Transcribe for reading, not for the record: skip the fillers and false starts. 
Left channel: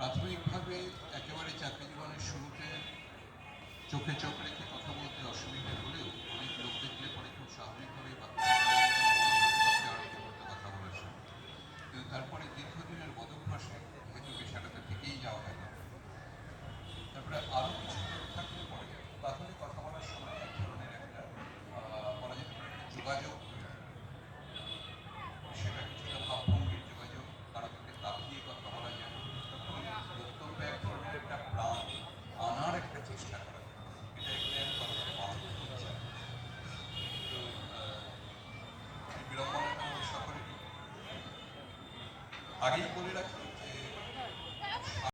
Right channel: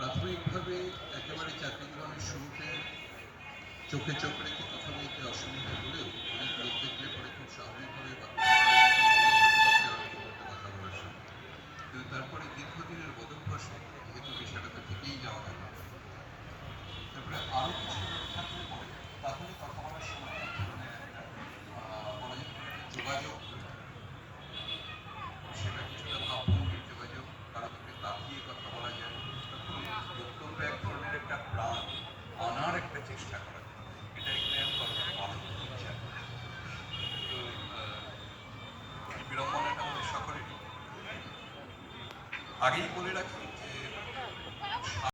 প্রাথমিকভাবে একেবারে চাকরি জীবনের শুরুতে চোখে চোখ রেখে কথা বলতে অসুবিধা হলেও অনেক লোক দেখলে পরে খুব স্বাভাবিকভাবে কথা বলার সময়, কিন্তু তারপরে দীর্ঘদিনের বদভ্যাসে যেহেতু পেশাটাতে থেকেই যাওয়া হলো, তারপরে আরো কিছু লোক থাকলে পরে তাহলে কথা বলার সময় এক ধরনের একটা বলা যেতে পারে যোগাযোগ, সেটা কিছুটা ভাবভঙ্গির যোগাযোগ, কারো দিকে তাকিয়ে কথা বলা যায়, তখন বক্তব্য এক ধরনের একটা প্রাণ আনার একটা চেষ্টা করা যায়। এটা এখানে আমি কথাটা বানাতে হচ্ছে না। তো বিড়ম্বনাটা আমাদের সকলেরই। আগেই বলে রাখি যে